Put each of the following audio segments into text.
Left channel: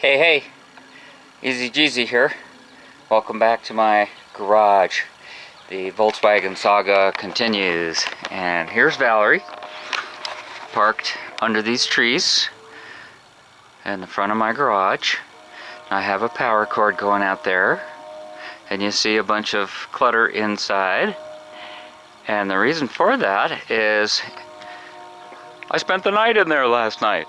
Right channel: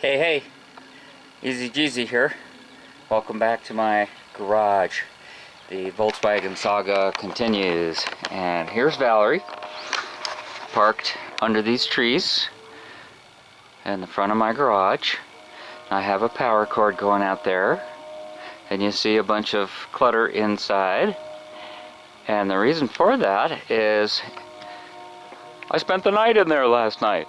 Hey, TheEZGZ here. Welcome back to my garage. The Volkswagen saga continues. And here's Valerie, parked under these trees in the front of my garage. I have a power cord going out there, and you see a bunch of clutter inside. And the reason for that is I spent the night in there last night.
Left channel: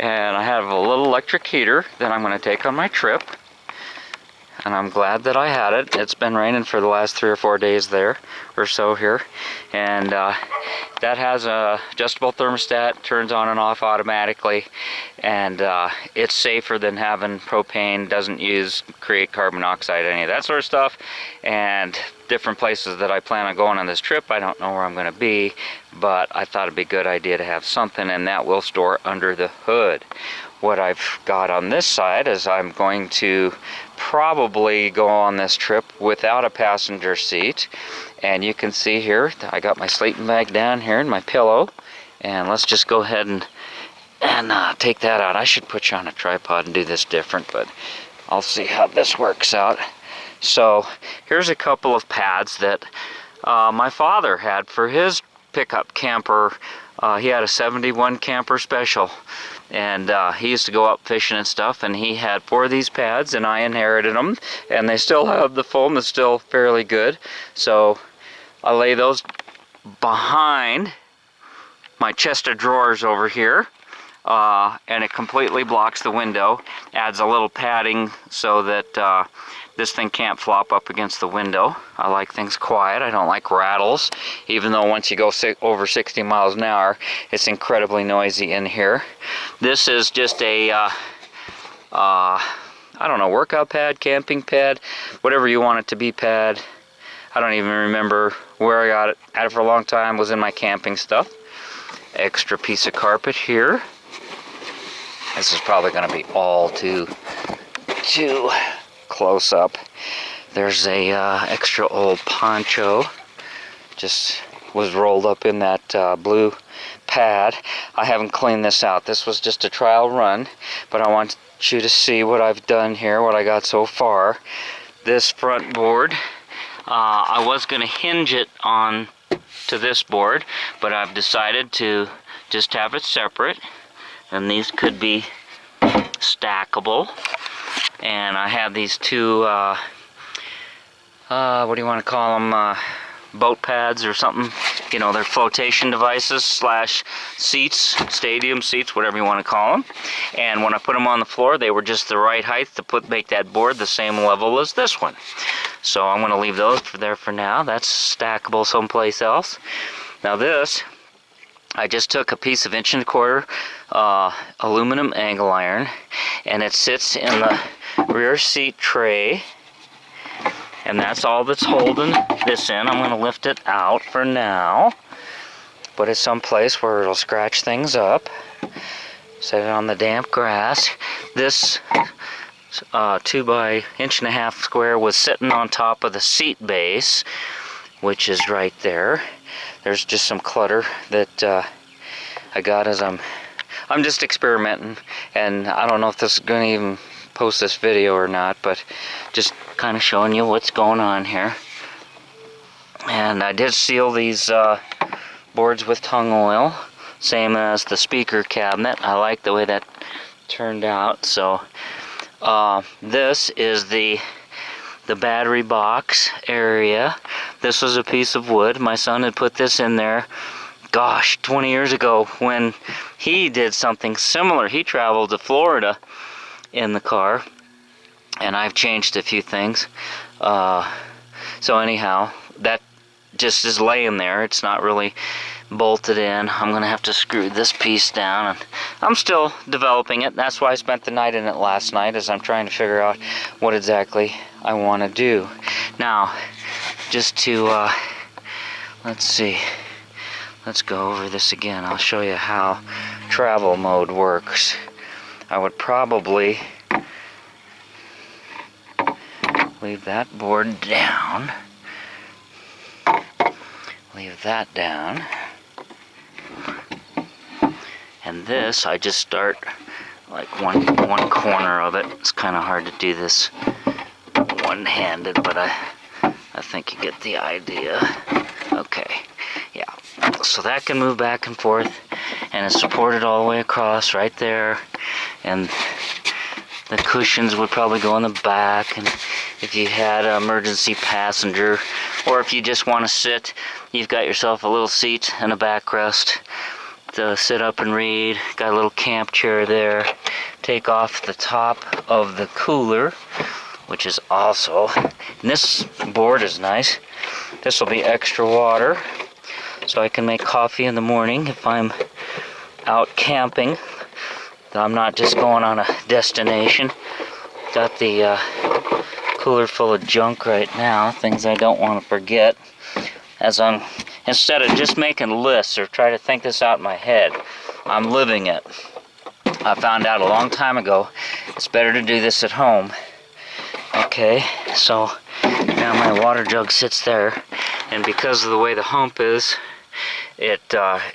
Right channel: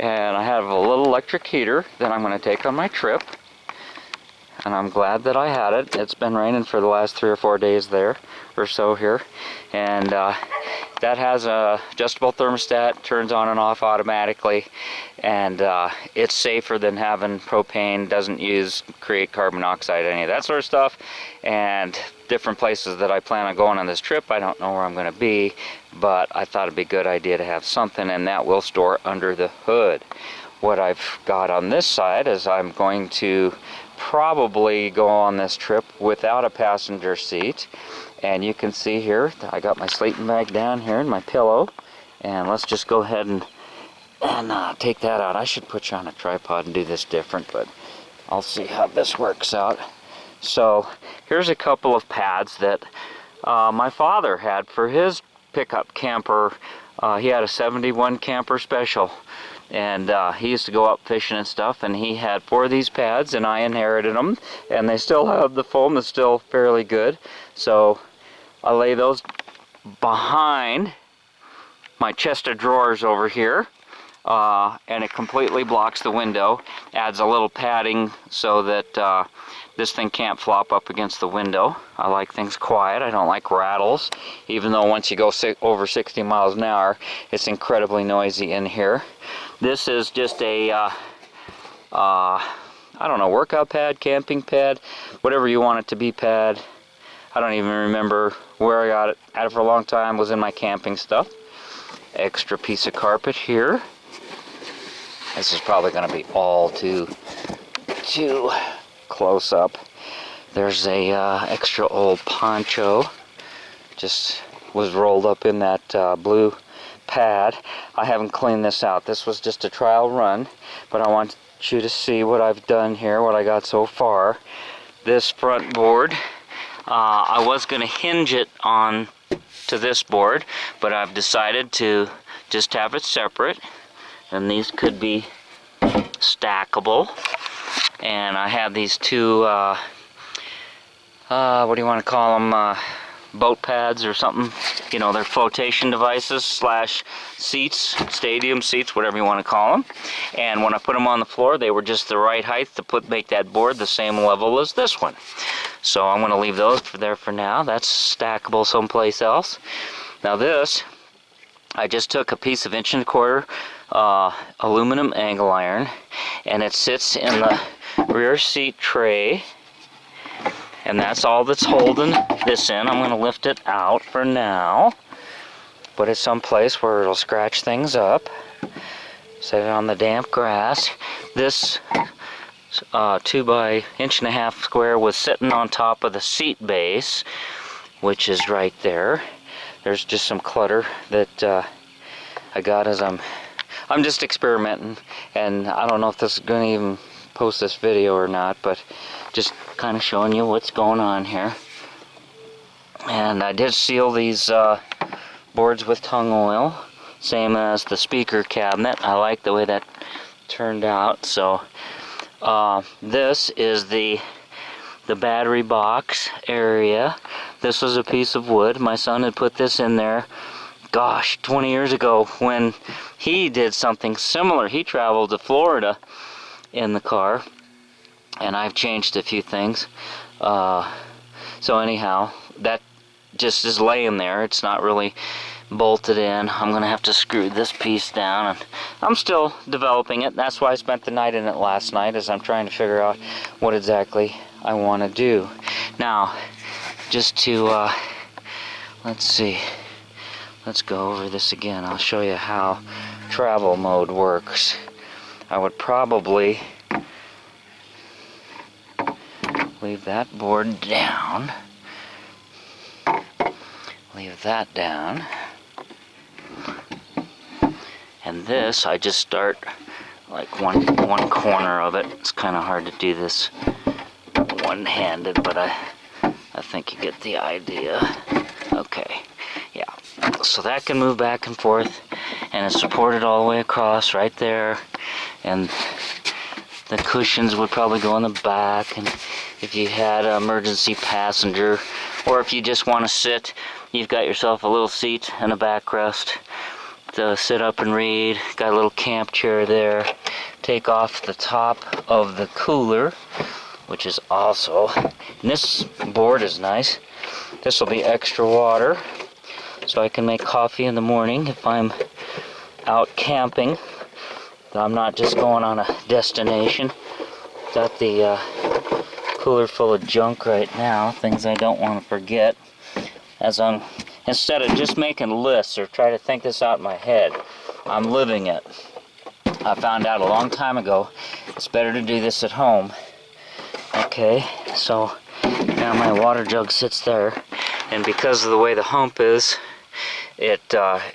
And I have a little electric heater that I'm going to take on my trip. And I'm glad that I had it. It's been raining for the last 3 or 4 days there, or so here. And that has a adjustable thermostat, turns on and off automatically. And it's safer than having propane, doesn't create carbon monoxide, any of that sort of stuff. And different places that I plan on going on this trip, I don't know where I'm going to be, but I thought it'd be a good idea to have something, and that will store under the hood. What I've got on this side is I'm going to probably go on this trip without a passenger seat. And you can see here, I got my sleeping bag down here and my pillow. And let's just go ahead and take that out. I should put you on a tripod and do this different, but I'll see how this works out. So here's a couple of pads that my father had for his pickup camper. He had a 71 camper special, and he used to go up fishing and stuff, and he had 4 of these pads, and I inherited them, and they still have the foam is still fairly good. So I lay those behind my chest of drawers over here, and it completely blocks the window, adds a little padding so that this thing can't flop up against the window. I like things quiet. I don't like rattles, even though once you go over 60 miles an hour, it's incredibly noisy in here. This is just a, I don't know, workout pad, camping pad, whatever you want it to be pad. I don't even remember where I got it. Had it for a long time, was in my camping stuff. Extra piece of carpet here. This is probably going to be all too close up. There's a extra old poncho, just was rolled up in that blue pad. I haven't cleaned this out. This was just a trial run, but I want you to see what I've done here, what I got so far. This front board, I was going to hinge it on to this board, but I've decided to just have it separate, and these could be stackable. And I have these 2 what do you want to call them, boat pads or something, you know, they're flotation devices slash seats, stadium seats, whatever you want to call them. And when I put them on the floor, they were just the right height to make that board the same level as this one. So I'm going to leave those there for now. That's stackable someplace else. Now this, I just took a piece of 1¼ inch aluminum angle iron, and it sits in the rear seat tray, and that's all that's holding this in. I'm going to lift it out for now, put it someplace where it'll scratch things up, set it on the damp grass. This 2 by 1.5 inch square was sitting on top of the seat base, which is right there. There's just some clutter that I got as I'm just experimenting, and I don't know if this is going to even post this video or not, but just kind of showing you what's going on here. And I did seal these boards with tung oil, same as the speaker cabinet. I like the way that turned out. So this is the battery box area. This was a piece of wood. My son had put this in there, gosh, 20 years ago when he did something similar. He traveled to Florida in the car, and I've changed a few things. So anyhow, that just is laying there. It's not really bolted in. I'm gonna have to screw this piece down, and I'm still developing it. That's why I spent the night in it last night, as I'm trying to figure out what exactly I want to do. Now, just to let's see, let's go over this again. I'll show you how travel mode works. I would probably leave that board down, leave that down, and this I just start like one corner of it. It's kind of hard to do this one-handed, but I think you get the idea. Okay, yeah. So that can move back and forth, and it's supported all the way across right there. And the cushions would probably go in the back, and if you had an emergency passenger, or if you just want to sit, you've got yourself a little seat and a backrest to sit up and read. Got a little camp chair there. Take off the top of the cooler, which is also, and this board is nice. This will be extra water, so I can make coffee in the morning if I'm out camping. I'm not just going on a destination. Got the cooler full of junk right now, things I don't want to forget. As I'm, instead of just making lists or try to think this out in my head, I'm living it. I found out a long time ago, it's better to do this at home. Okay, so now my water jug sits there, and because of the way the hump is, it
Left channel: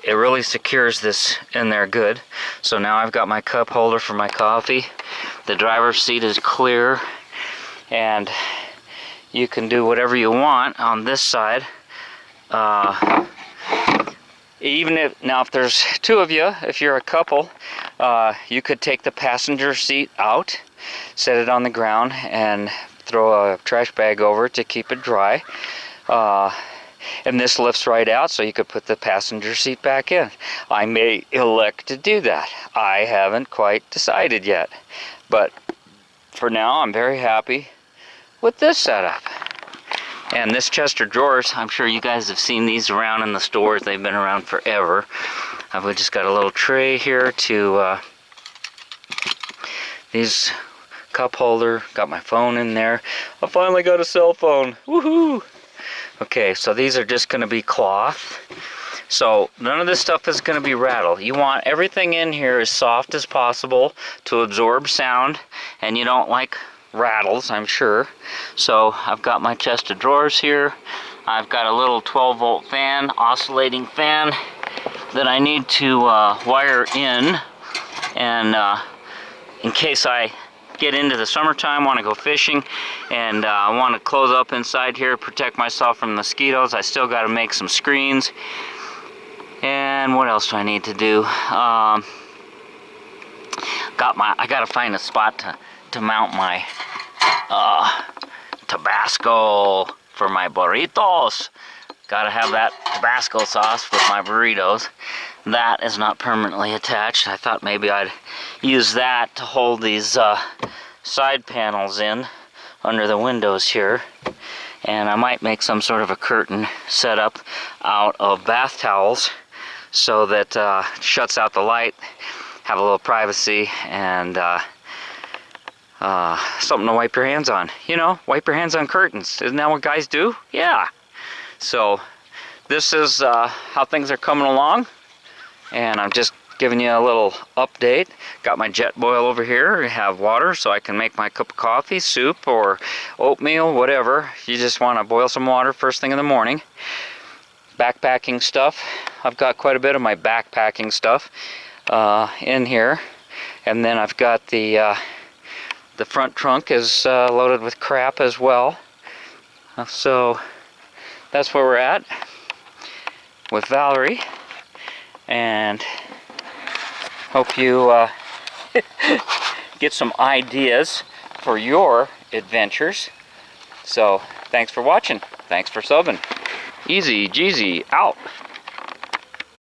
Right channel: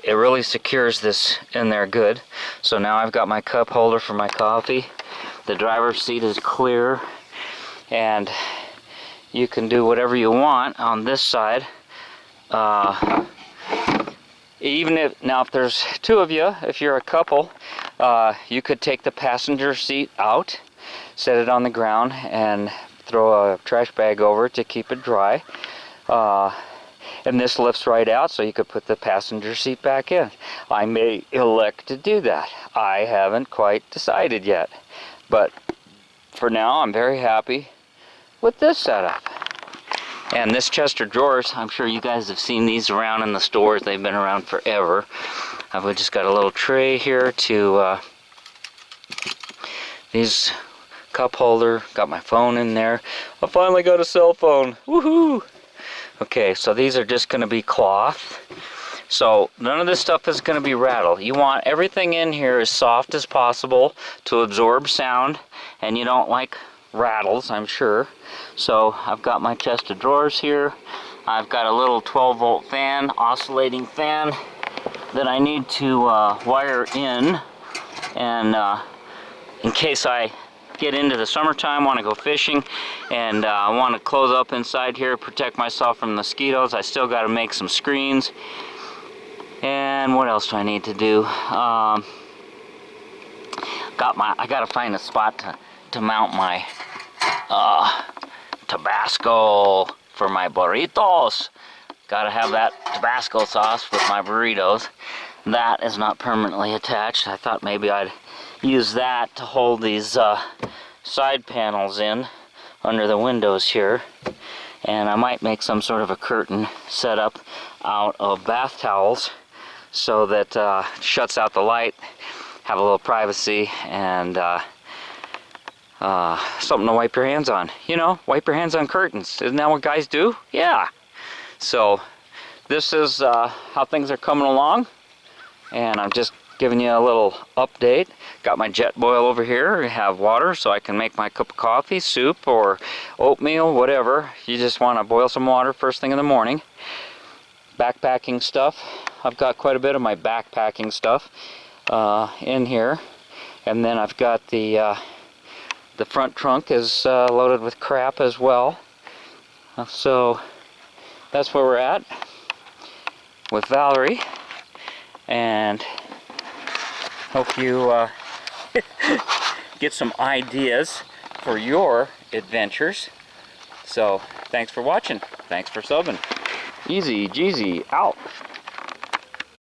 really secures this in there good. So now I've got my cup holder for my coffee. The driver's seat is clear, and you can do whatever you want on this side. Even if there's two of you, if you're a couple, you could take the passenger seat out, set it on the ground, and throw a trash bag over it to keep it dry. And this lifts right out, so you could put the passenger seat back in. I may elect to do that. I haven't quite decided yet. But for now, I'm very happy with this setup. And this chest of drawers, I'm sure you guys have seen these around in the stores. They've been around forever. I've just got a little tray here to these cup holder. Got my phone in there. I finally got a cell phone. Woohoo! Okay, so these are just going to be cloth. So none of this stuff is going to be rattled. You want everything in here as soft as possible to absorb sound, and you don't like rattles, I'm sure. So I've got my chest of drawers here. I've got a little 12-volt fan, oscillating fan, that I need to wire in, and in case I get into the summertime, want to go fishing, and I want to close up inside here, protect myself from mosquitoes. I still got to make some screens. And what else do I need to do? I got to find a spot to mount my Tabasco for my burritos. Got to have that Tabasco sauce with my burritos. That is not permanently attached. I thought maybe I'd use that to hold these side panels in under the windows here. And I might make some sort of a curtain setup out of bath towels, so that shuts out the light, have a little privacy, and something to wipe your hands on. You know, wipe your hands on curtains. Isn't that what guys do? Yeah. So this is how things are coming along, and I'm just giving you a little update. Got my jet boil over here. I have water so I can make my cup of coffee, soup, or oatmeal, whatever. You just want to boil some water first thing in the morning. Backpacking stuff. I've got quite a bit of my backpacking stuff in here, and then I've got the front trunk is loaded with crap as well. So that's where we're at with Valerie, and hope you get some ideas for your adventures. So thanks for watching. Thanks for subbing. TheEZGZ out.